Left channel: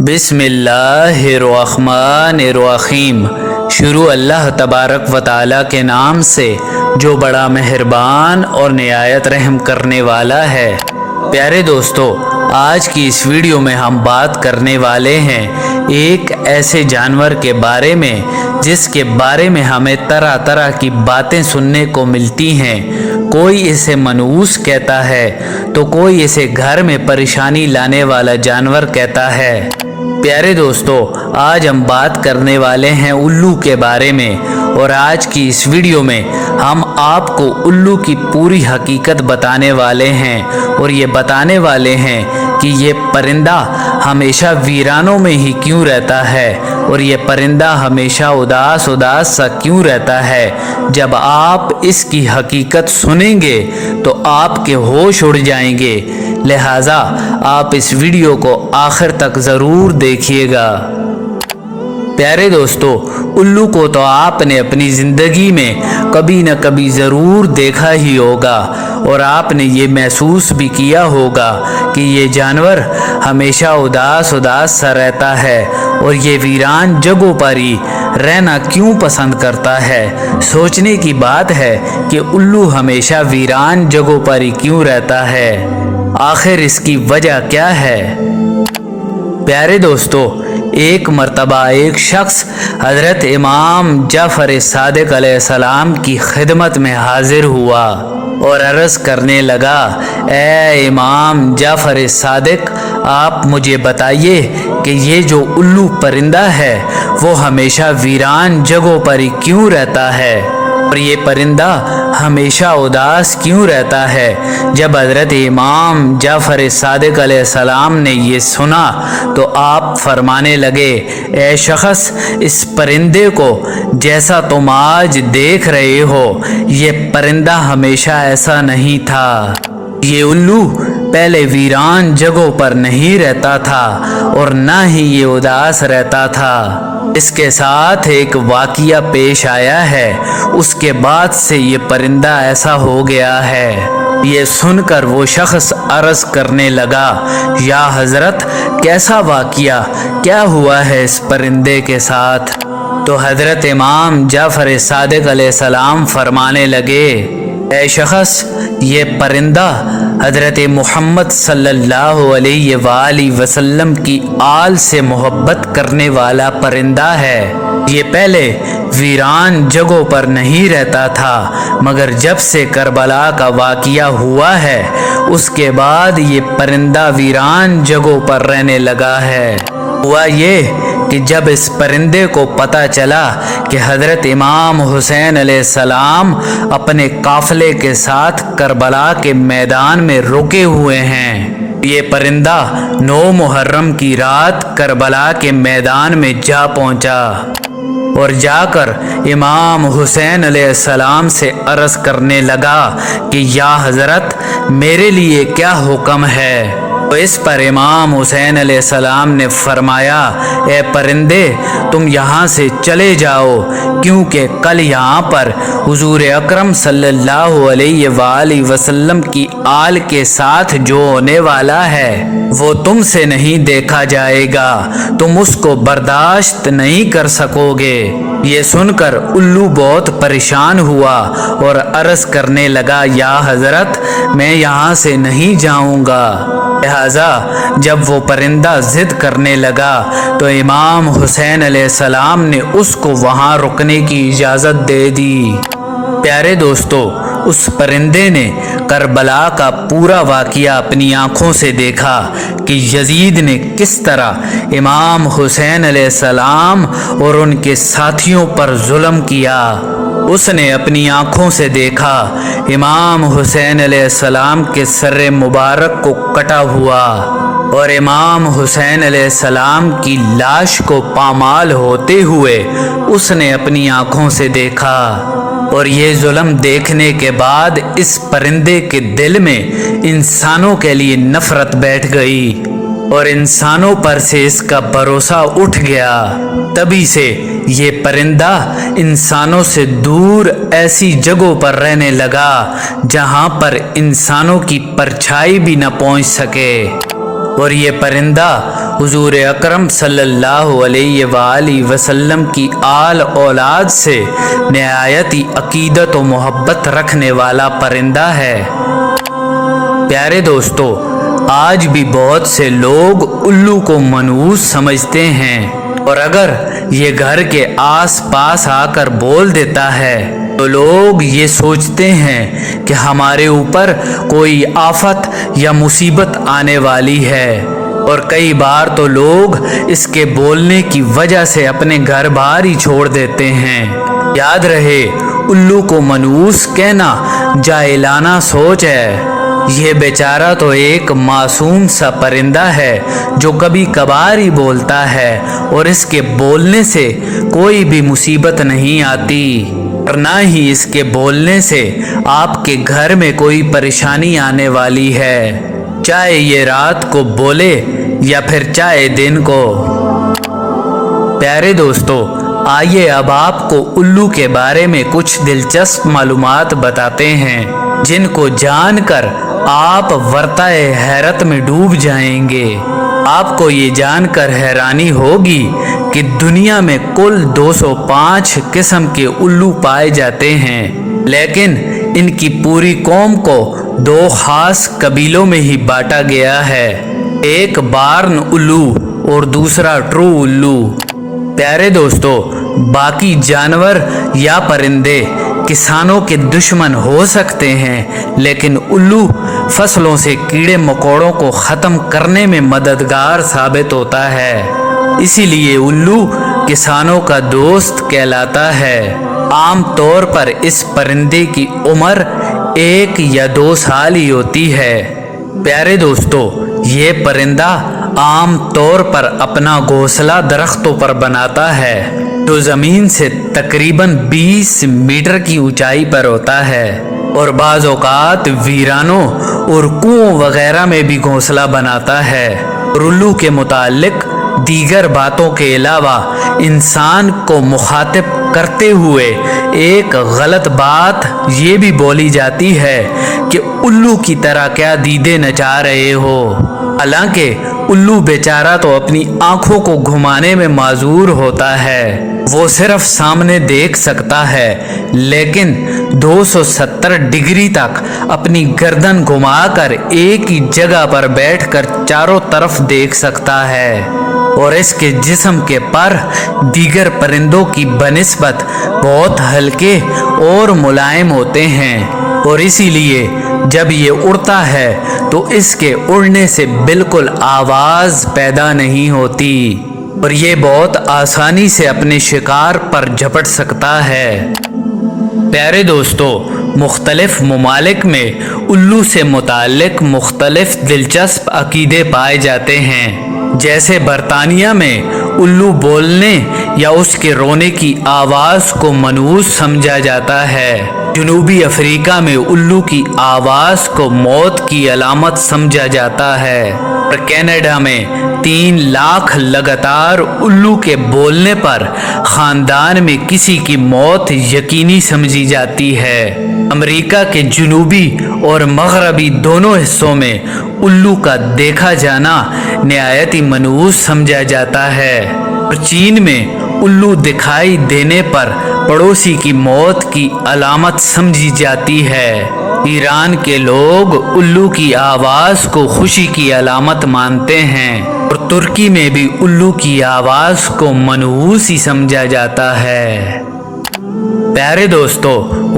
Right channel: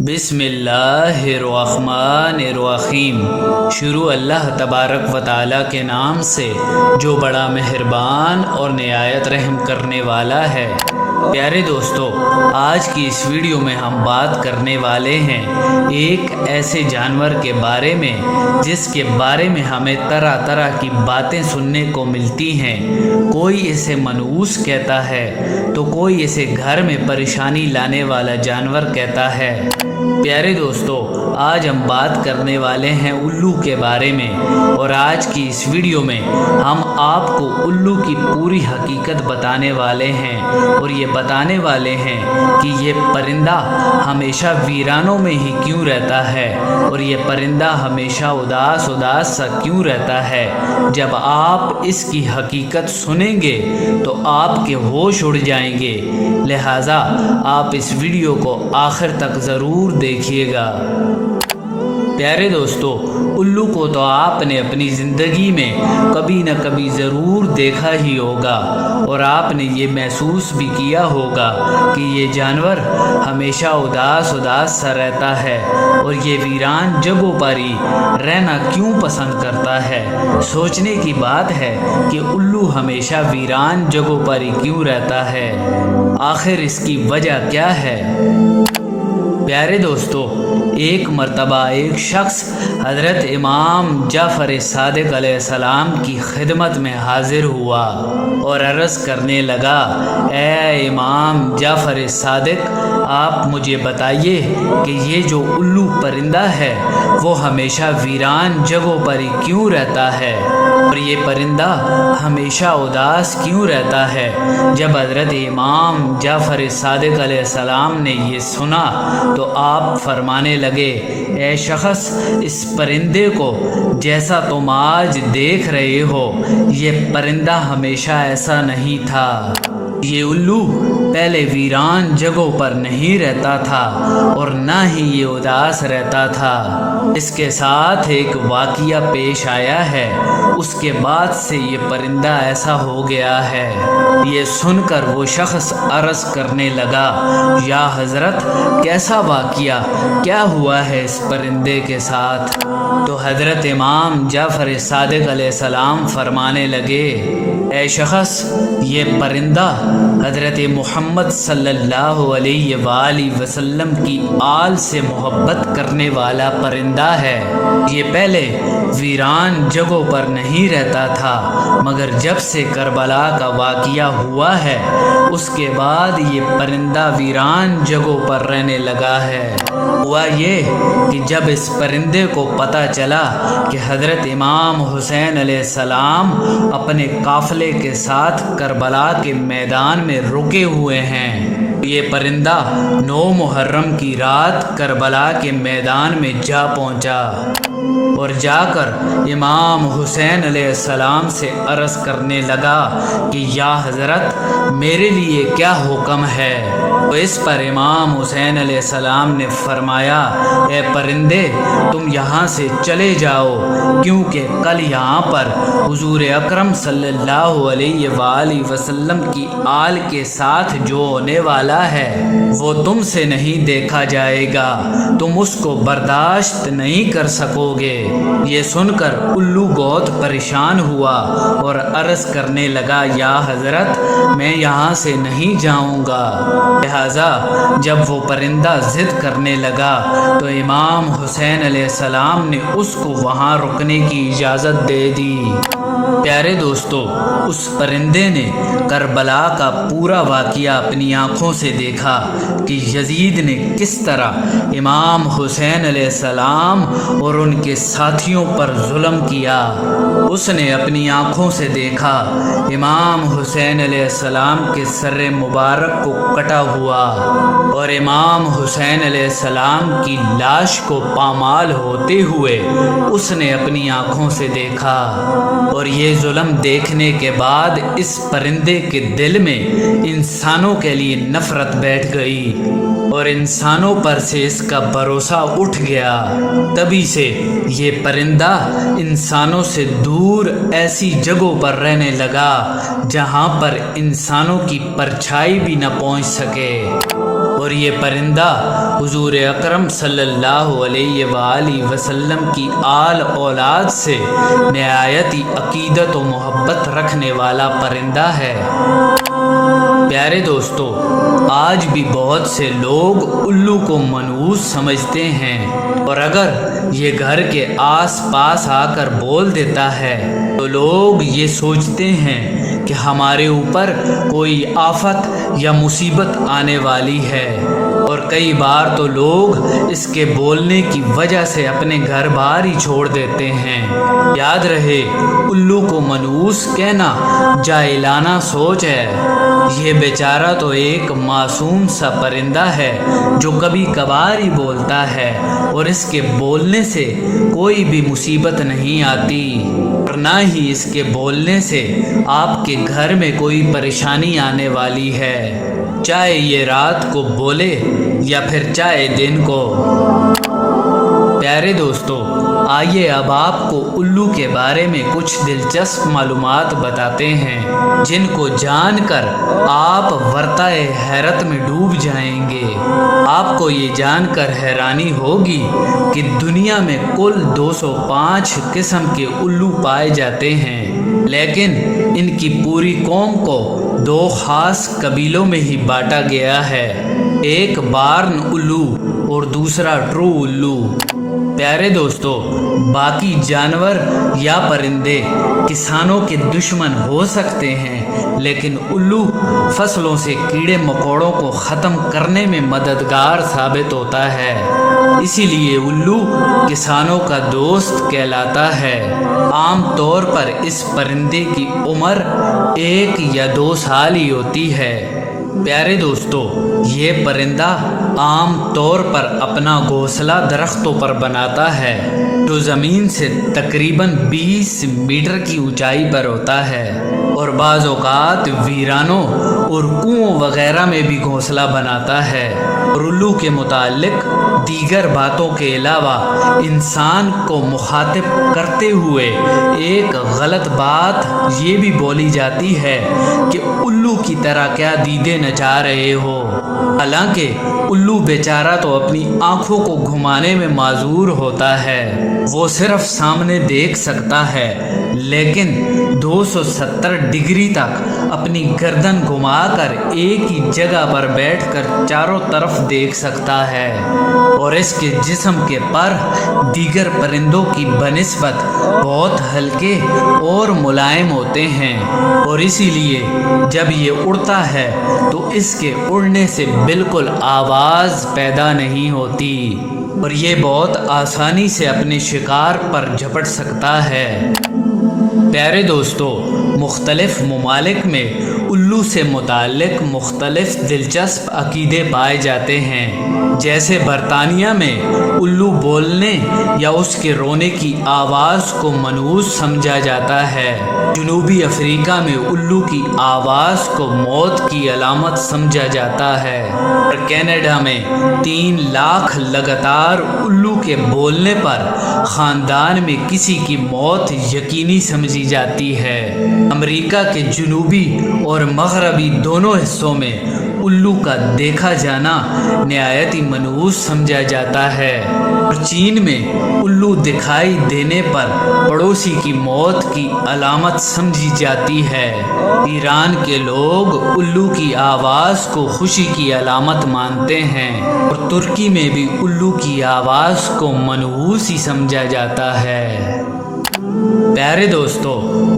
बिस्मिल्लाहिर्रहमानिर्रहीम। शुरू अल्लाह तबारक व ताला के नाम से जो बड़ा मेहरबान और निहायत रहम करने वाला है। प्यारे दोस्तों, आज की इस वीडियो में हम बात करने वाले हैं एक ऐसे जानवर के बारे में जिसके बारे में हमें तरह तरह की बातें सुनने को मिलती हैं। कोई इसे मनहूस कहता है तो कोई इसे घर में परेशानी लाने वाला जानवर कहता है। प्यारे दोस्तों, आज हम बात करने वाले हैं उल्लू के बारे में और आज की इस वीडियो में हम आपको उल्लू की पूरी हकीकत बताने वाले हैं और ये बताने वाले हैं कि ये परिंदा हमेशा वीरानों में ही क्यों रहता है और ये परिंदा हमेशा उदास उदास सा क्यों रहता है। जब आप इसकी हकीकत सुनेंगे तो आपके होश उड़ जाएंगे, लिहाजा आप इस वीडियो को आखिर तक ज़रूर देखिएगा। प्यारे दोस्तों, उल्लू को तो आपने अपनी ज़िंदगी में कभी न कभी ज़रूर देखा ही होगा और आपने ये महसूस भी किया होगा कि ये जानवर हमेशा उदास उदास सा रहता है और ये वीरान जगहों पर ही रहना क्यों पसंद करता है। सोचने की बात है कि उल्लू हमेशा वीरान जगहों पर ही क्यों रहता है, आखिर इसकी वजह क्या है। प्यारे दोस्तों, एक मर्तबा एक शख्स हज़रत इमाम जाफ़र सादिक अलैहिस्सलाम की खिदमत में हाजिर हुआ और अर्ज़ करने लगा, ए इमाम जाफ़र सादिक, आप मुझे बताइए कि ये जो उल्लू परिंदा है वो हमेशा वीरान जगहों पर ही क्यों रहता है और ये परिंदा हमेशा उदास क्यों रहता है। जब हज़रत इमाम जाफ़र सादिक अलैहिस्सलाम ने ये सुना तो आप फरमाने लगे, ए शख्स, इस परिंदे को जैसा तुम आज देख रहे हो ये परिंदा हमेशा ऐसा नहीं था। ये उल्लू पहले वीरान जगहों पर नहीं रहता था और ना ही ये उदास रहता था। इसके साथ एक वाक़िया पेश आया है, उसके बाद से ये परिंदा ऐसा हो गया है। ये सुनकर वो शख्स अर्ज़ करने लगा, या हज़रत, कैसा वाक़िया, क्या हुआ है इस परिंदे के साथ। तो हज़रत इमाम जाफ़र सादिक अलैहिस्सलाम फरमाने लगे, ए शख्स, ये परिंदा हज़रत मुहम्मद सल्लल्लाहु अलैहि वसल्लम की आल से मोहब्बत करने वाला परिंदा है। ये पहले वीरान जगहों पर नहीं रहता था, मगर जब से करबला का वाक़िया हुआ है उसके बाद ये परिंदा वीरान जगहों पर रहने लगा है। हुआ ये कि जब इस परिंदे को पता चला कि हज़रत इमाम हुसैन अलैहिस्सलाम अपने काफ़िले के साथ करबला के मैदान में रुके हुए हैं, ये परिंदा 9 मुहर्रम की रात करबला के मैदान में जा पहुंचा और जाकर इमाम हुसैन अलैहिस्सलाम से अर्ज़ करने लगा कि या हज़रत, मेरे लिए क्या हुक्म है। तो इस पर इमाम हुसैन अलैहिस्सलाम ने फरमाया, ए परिंदे, तुम यहाँ से चले जाओ, क्योंकि कल यहाँ पर हुजूर अकरम सल्लल्लाहु अलैहि वसल्लम की आल के साथ जो होने वाला है वो तुमसे नहीं देखा जाएगा, तुम उसको बर्दाश्त नहीं कर सकोगे। ये सुनकर उल्लू बहुत परेशान हुआ और अर्ज़ करने लगा, या हज़रत, मैं यहाँ से नहीं जाऊँगा। लिहाजा जब वो परिंदा ज़िद करने लगा तो इमाम हुसैन अलैहिस्सलाम ने उसको वहाँ रुकने की इजाज़त दे दी। प्यारे दोस्तों, उस परिंदे ने करबला का पूरा वाक़िया अपनी आँखों से देखा कि यजीद ने किस तरह इमाम हुसैन अलैहिस्सलाम और उनके साथियों पर जुल्म किया। उसने अपनी आँखों से देखा इमाम हुसैन अलैहिस्सलाम के सर मुबारक को कटा हुआ और इमाम हुसैन अलैहिस्सलाम की लाश को पामाल होते हुए उसने अपनी आँखों से देखा। और ये जुल्म देखने के बाद इस परिंदे के दिल में इंसानों के लिए नफरत बैठ गई और इंसानों पर से इसका भरोसा उठ गया। तभी से ये परिंदा इंसानों से दूर ऐसी जगहों पर रहने लगा जहाँ पर इंसानों की परछाई भी न पहुँच सके। اور یہ پرندہ حضور اکرم صلی اللہ علیہ وآلہ وسلم کی آل اولاد سے نہایت ہی عقیدت و محبت رکھنے والا پرندہ ہے۔ پیارے دوستو، آج بھی بہت سے لوگ الو کو منحوس سمجھتے ہیں، اور اگر یہ گھر کے آس پاس آ کر بول دیتا ہے تو لوگ یہ سوچتے ہیں کہ ہمارے اوپر کوئی آفت یا مصیبت آنے والی ہے، اور کئی بار تو لوگ اس کے بولنے کی وجہ سے اپنے گھر بار ہی چھوڑ دیتے ہیں۔ یاد رہے، الو کو منحوس کہنا جاہلانہ سوچ ہے۔ یہ بیچارہ تو ایک معصوم سا پرندہ ہے جو کبھی کبھار ہی بولتا ہے، اور اس کے بولنے سے کوئی بھی مصیبت نہیں آتی، اور نہ ہی اس کے بولنے سے آپ کے گھر میں کوئی پریشانی آنے والی ہے، چاہے یہ رات کو بولے یا پھر چاہے دن کو۔ پیارے دوستو، آئیے اب آپ کو الو کے بارے میں کچھ دلچسپ معلومات بتاتے ہیں جن کو جان کر آپ ورطۂ حیرت میں ڈوب جائیں گے۔ آپ کو یہ جان کر حیرانی ہوگی کہ دنیا میں کل 205 قسم کے الو پائے جاتے ہیں، لیکن ان کی پوری قوم کو 2 خاص قبیلوں میں ہی بانٹا گیا ہے، ایک بارن الو اور دوسرا ٹرو الو۔ پیارے دوستو، باقی جانور یا پرندے کسانوں کے دشمن ہو سکتے ہیں، لیکن الو فصلوں سے کیڑے مکوڑوں کو ختم کرنے میں مددگار ثابت ہوتا ہے، اسی لیے الو کسانوں کا دوست کہلاتا ہے۔ عام طور پر اس پرندے کی عمر 1 یا 2 سال ہی ہوتی ہے۔ پیارے دوستو، یہ پرندہ عام طور پر اپنا گھونسلہ درختوں پر بناتا ہے جو زمین سے تقریباً 20 میٹر کی اونچائی پر ہوتا ہے، اور بعض اوقات ویرانوں اور کنووں وغیرہ میں بھی گھونسلہ بناتا ہے۔ اور الو کے متعلق دیگر باتوں کے علاوہ انسان کو مخاطب کرتے ہوئے ایک غلط بات یہ بھی بولی جاتی ہے کہ الو کی طرح کیا دیدے نچا رہے ہو، حالانکہ الو بیچارہ تو اپنی آنکھوں کو گھمانے میں معذور ہوتا ہے، وہ صرف سامنے دیکھ سکتا ہے، لیکن 270 ڈگری تک اپنی گردن گھما کر ایک ہی جگہ پر بیٹھ کر چاروں طرف دیکھ سکتا ہے، اور اس کے جسم کے پر دیگر پرندوں کی بنسبت بہت ہلکے اور ملائم ہوتے ہیں، اور اسی لیے جب یہ اڑتا ہے تو اس کے اڑنے سے بالکل آواز پیدا نہیں ہوتی، اور یہ بہت آسانی سے اپنے شکار پر جھپٹ سکتا ہے۔ پیارے دوستو، مختلف ممالک میں الو سے متعلق مختلف دلچسپ عقیدے پائے جاتے ہیں، جیسے برطانیہ میں الو بولنے یا اس کے رونے کی آواز کو منحوس سمجھا جاتا ہے، جنوبی افریقہ میں الو کی آواز کو موت کی علامت سمجھا جاتا ہے، اور کینیڈا میں 3 لاکھ لگاتار الو کے بولنے پر خاندان میں کسی کی موت یقینی سمجھی جاتی ہے۔ امریکہ کے جنوبی اور مغربی دونوں حصوں میں الو کا دیکھا جانا نہایت ہی منحوس سمجھا جاتا ہے، اور چین میں الو دکھائی دینے پر پڑوسی کی موت کی علامت سمجھی جاتی ہے۔ ایران کے لوگ الو کی آواز کو خوشی کی علامت مانتے ہیں، اور ترکی میں بھی الو کی آواز کو منحوس ہی سمجھا جاتا ہے۔ پیارے دوستو،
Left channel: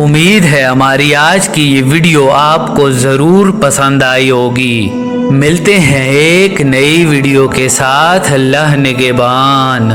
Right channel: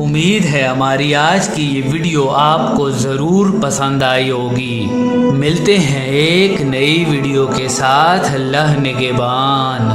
امید ہے ہماری آج کی یہ ویڈیو آپ کو ضرور پسند آئی ہوگی۔ ملتے ہیں ایک نئی ویڈیو کے ساتھ، اللہ نگہبان۔